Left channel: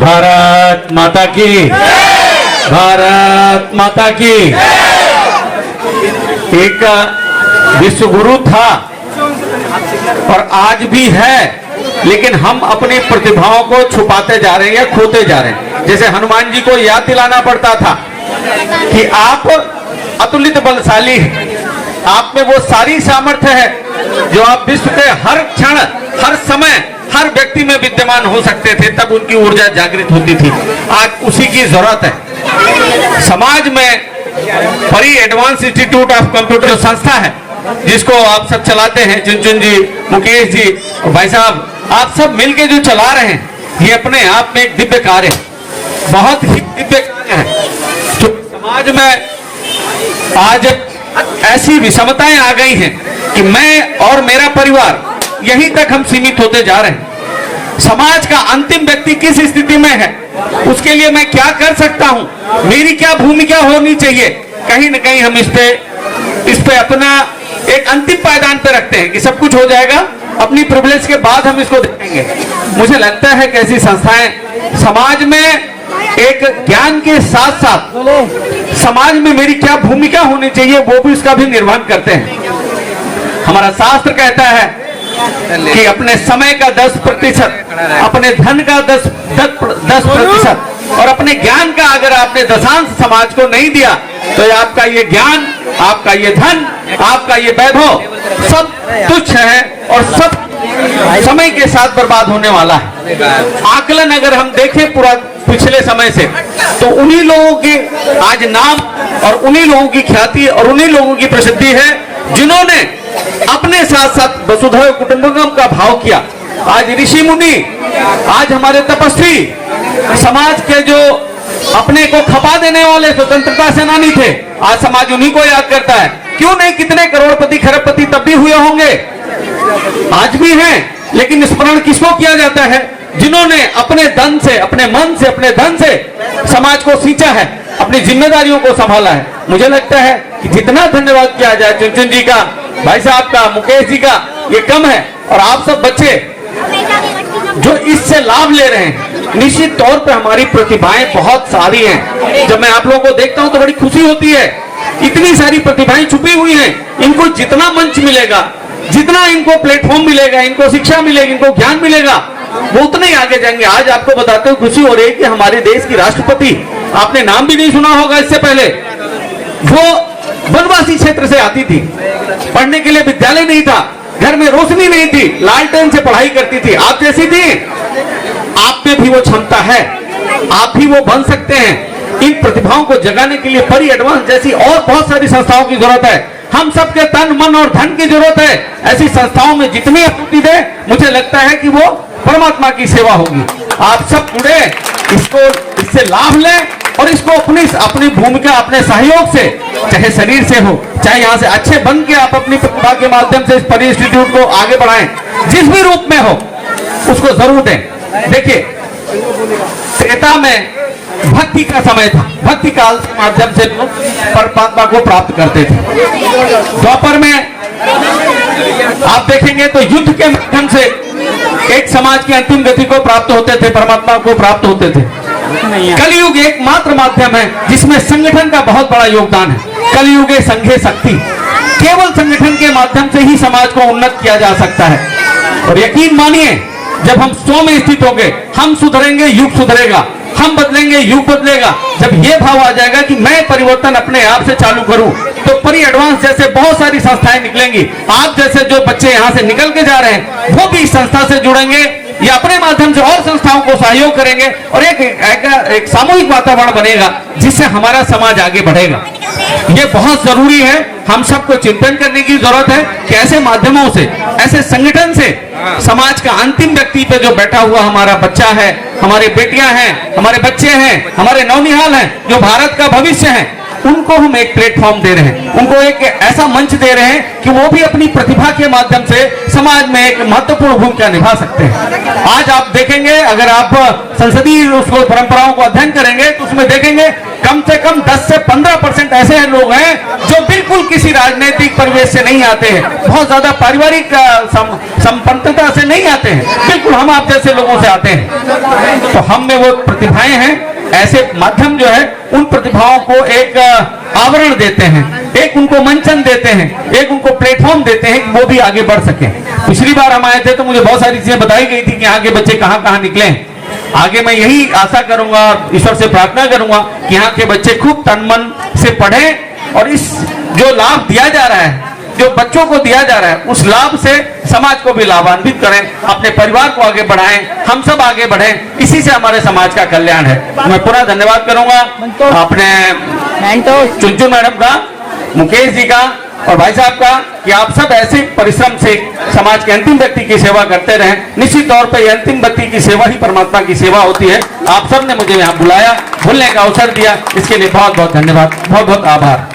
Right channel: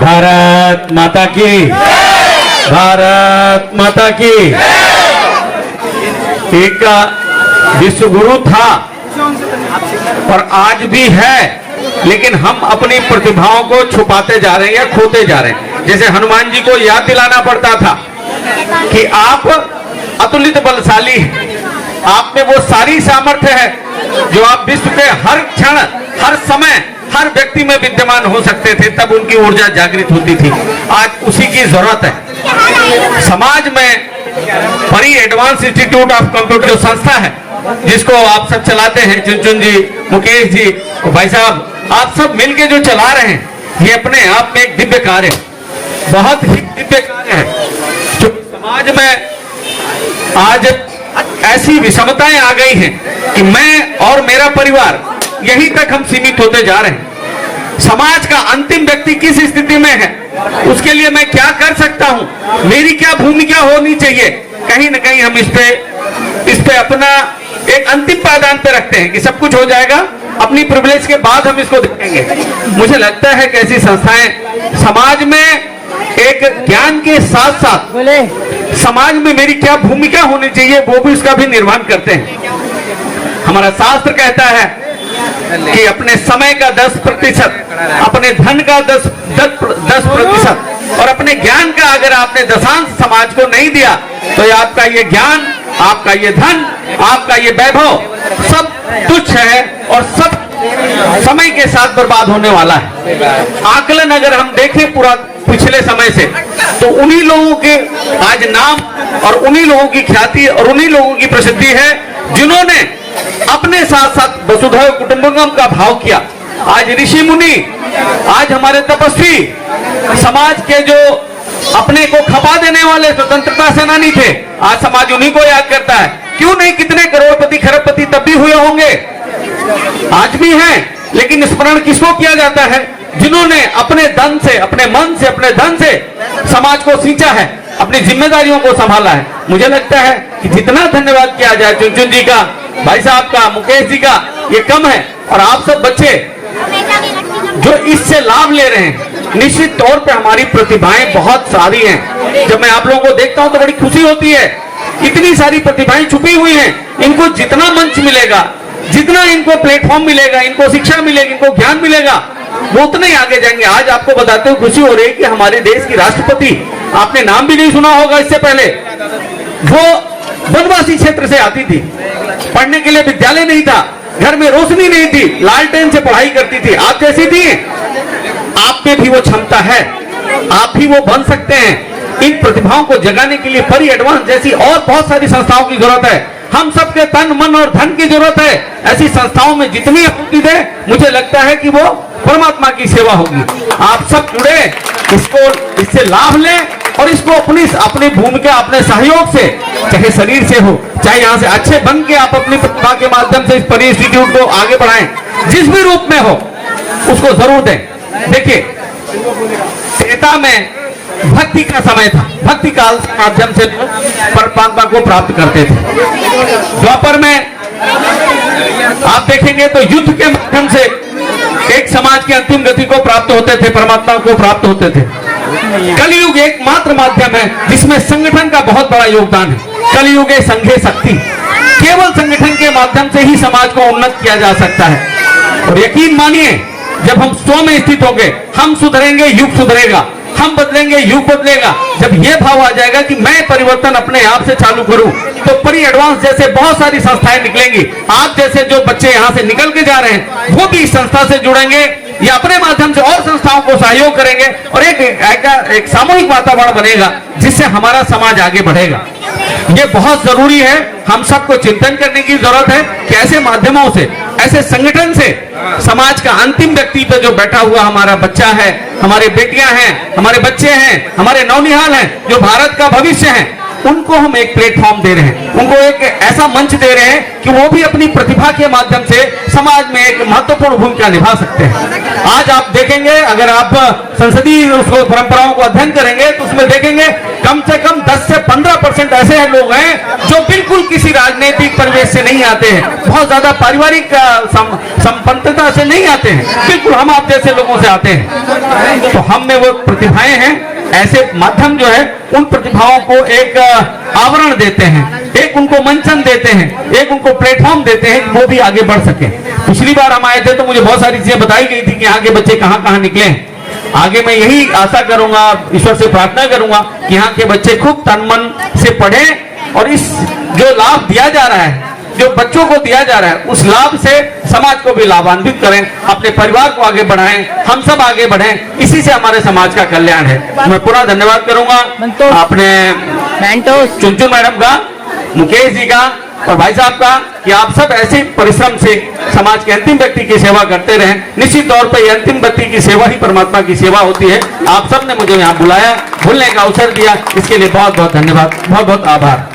भारत माता की, भारत माता की। एक विश्व गुरु था और आज भी है, लेकिन हम अपनी प्रतिभाओं को छुपाते जा रहे हैं या खोते जा रहे हैं। जैसे हनुमान जी को याद दिलाना पड़ता था कि आप अतुलित बलशाली हैं, आप में वो सारी सामर्थ्य है जो आप विश्व के हर क्षण, हर समय, हर व्यक्ति में विद्यमान हो सकते थे। तब उनकी ऊर्जा जागृत होती थी। आज उसी की जरूरत है। समाज में परी एडवांस इंस्टीट्यूट ऑफ कंप्यूटर जो संस्था है, जिसको आप सब चलाते हैं, चुनचुन जी, मुकेश जी, भाई साहब, आप सब मिलके जो चला रहे हैं, ये अपने आप में एक दिव्य कार्य है, बहुत ही दिव्य कार्य है। जो समाज में आज ऐसी विषमताएं आ गई हैं कि मैं और मेरा परिवार यहीं तक हम सीमित होते जा रहे हैं। समाज का अंतिम व्यक्ति किस स्थिति में है, उसके लिए मैं क्या कर सकता हूं, मेरी क्या भूमिका होनी चाहिए, कहीं न कहीं हम इस पे अपना एक अंतिम पायदान पे रखते हैं कि सब कुछ हो जाएगा, अपनी प्रिविलेज के बाद हम इसको देखेंगे। मुझे लगता है कि ऐसी संस्थाएं समाज में एक ज्ञान के साथ साथ समाज में मेरी क्या भूमिका होनी चाहिए वो भी इसका भी निर्माण करते हैं। हमारा शास्त्र कहता है कि अपने समय का 10%, अपने धन का 10% और अपने ज्ञान का अगर आपने दशांश समाज को नहीं दिया तो ये आपका ये ज्ञान, आपका ये धन, आपका ये वैभव सब तुच्छ है और सब समय के साथ बर्बाद होने वाला है। आकलन अगर हम देखें पूरा पिछले समय से, तो उन्हीं लोगों के आज नाम और उन्हीं लोगों की ख्याति और उन्हीं लोगों की प्रसिद्धि है जिन्होंने अपने साथ साथ वसुधैव कुटुंबकम का भाव किया। आज ऋषि मुनि, आज हमारे तपस्वी, समाज के जो अपने को खपा देने वाले स्वतंत्रता सेनानी थे, आज समाज उन्हीं को याद करता है। क्यों नहीं, कितने करोड़पति खरबपति तब भी हुए होंगे, आज भी हैं, लेकिन स्मरण किसको किया जाता है? जिन्होंने अपने धन से, अपने मन से, अपने धन से समाज को सींचा है, अपनी जिम्मेदारियों को संभाला है। मुझे लगता है कि जितना धन्यवाद किया जाए चुनचुन जी का, भाई साहब का, मुकेश जी का, ये कम है। और आप सब बच्चे जो इससे लाभ ले रहे हैं, निश्चित तौर पे हमारी प्रतिभाएं बहुत सारी हैं। जब मैं आप लोगों को देखता हूं तो बड़ी खुशी होती है। इतनी सारी प्रतिभाएं छुपी हुई हैं, इनको जितना मंच मिलेगा, जितना इनको प्लेटफॉर्म मिलेगा, इनको शिक्षा मिलेगी, इनको ज्ञान मिलेगा, वो उतने ही आगे जाएंगे। आज आपको बताते हुए खुशी हो रही है कि हमारे देश की राष्ट्रपति, आपने नाम भी नहीं सुना होगा इससे पहले, वो वनवासी क्षेत्र से आती थी, पढ़ने के लिए विद्यालय नहीं था, घर में रोशनी नहीं थी, लालटेन से पढ़ाई करती थी। आप जैसी थी, आप में भी वो क्षमता है, आप भी वो बन सकते हैं। इन प्रतिभाओं को जगाने के लिए परी एडवांस जैसी और बहुत सारी संस्थाओं की जरूरत है। हम सबके तन, मन और धन की जरूरत है। ऐसी संस्थाओं में जितनी आपूर्ति दे, मुझे लगता है कि वो परमात्मा की सेवा होगी। आप सब जुड़े, इसको, इससे लाभ लें और इसको अपनी भूमिका, अपने सहयोग से, चाहे शरीर से हो, चाहे यहाँ से अच्छे बन के आप अपनी प्रतिभा के माध्यम से इस परी इंस्टीट्यूट को आगे बढ़ाएं, जिस भी रूप में हो उसको जरूर दें। देखिए, त्रेता में भक्ति का समय था, भक्ति काल के माध्यम से लोग परमात्मा को प्राप्त करते थे। द्वापर में आप देखेंगे तो युद्ध के माध्यम से एक समाज की अंतिम गति को प्राप्त होते थे, परमात्मा को प्राप्त होते थे। कलयुग एकमात्र माध्यम है जिसमें संगठन का बहुत बड़ा योगदान है। कलयुगे संघे शक्ति, केवल संगठन के माध्यम से ही समाज को उन्नत किया जा सकता है। और यकीन मानिए, जब हम स्व में स्थित होंगे, हम सुधरेंगे, युग सुधरेगा, हम बदलेंगे, युग बदलेगा। जब ये भाव आ जाएगा कि मैं परिवर्तन अपने आप से चालू करूं, तो परी एडवांस जैसे बहुत सारी संस्थाएं निकलेंगी। आप जैसे जो बच्चे यहाँ से निकल के जा रहे हैं, वो भी इस संस्था से जुड़ेंगे या अपने माध्यम से और संस्थाओं को सहयोग करेंगे और एक सामूहिक वातावरण बनेगा जिससे हमारा समाज आगे बढ़ेगा। ये बहुत जरूरी है। हम सबको चिंतन करने की जरूरत है कि ऐसे माध्यमों से, ऐसे संगठन से समाज का अंतिम व्यक्ति पे जो बैठा हुआ हमारा बच्चा है, हमारी बेटियां हैं, हमारे बच्चे हैं, हमारे नौनिहाल हैं, जो भारत का भविष्य है, उनको हम एक प्लेटफॉर्म दे रहे हैं, उनको एक ऐसा मंच दे रहे हैं कि वो भी अपनी प्रतिभा के माध्यम से समाज में एक महत्वपूर्ण भूमिका निभा सकते हैं। आज आप देखेंगे, अगर आप संसदीय परंपराओं को अध्ययन करेंगे तो उसमें देखेंगे कम से कम 10 से 15% ऐसे लोग हैं जो बिल्कुल बिल्कुल किसी राजनीतिक परिवेश से नहीं आते हैं, बहुत ज्यादा पारिवारिक संपन्नता से नहीं आते हैं, बिल्कुल हम आप जैसे लोगों से आते हैं। तो हम में वो प्रतिभाएं हैं, ऐसे माध्यम जो है उन प्रतिभाओं को एक आवरण देते हैं, एक उनको मंचन देते हैं, एक उनको प्लेटफॉर्म देते हैं कि वो भी आगे बढ़ सके। पिछली बार हम आए थे तो मुझे बहुत सारी चीजें बताई गई थी कि यहाँ के बच्चे कहाँ कहाँ निकले हैं। आगे मैं यही आशा करूंगा, ईश्वर से प्रार्थना करूंगा कि यहाँ के बच्चे खूब तन मन से पढ़ें और इस जो लाभ दिया जा रहा है, जो बच्चों को दिया जा रहा है, उस लाभ से समाज को भी लाभान्वित करें, अपने परिवार को आगे बढ़ाएं, हम सब आगे बढ़ें। इसी से हमारे समाज का कल्याण है। मैं पूरा धन्यवाद करूंगा अपने चुनचुन मैडम का, मुकेश जी का और भाई साहब का कि आप सब ऐसे परिश्रम से समाज के अंतिम व्यक्ति की सेवा करते रहें। निश्चित तौर पर यह अंतिम व्यक्ति की सेवा ही परमात्मा की सेवा होती है। आप सब ने मुझे यहाँ बुलाया, बोलने का अवसर दिया, इसके लिए बहुत बहुत धन्यवाद, बहुत बहुत आभार।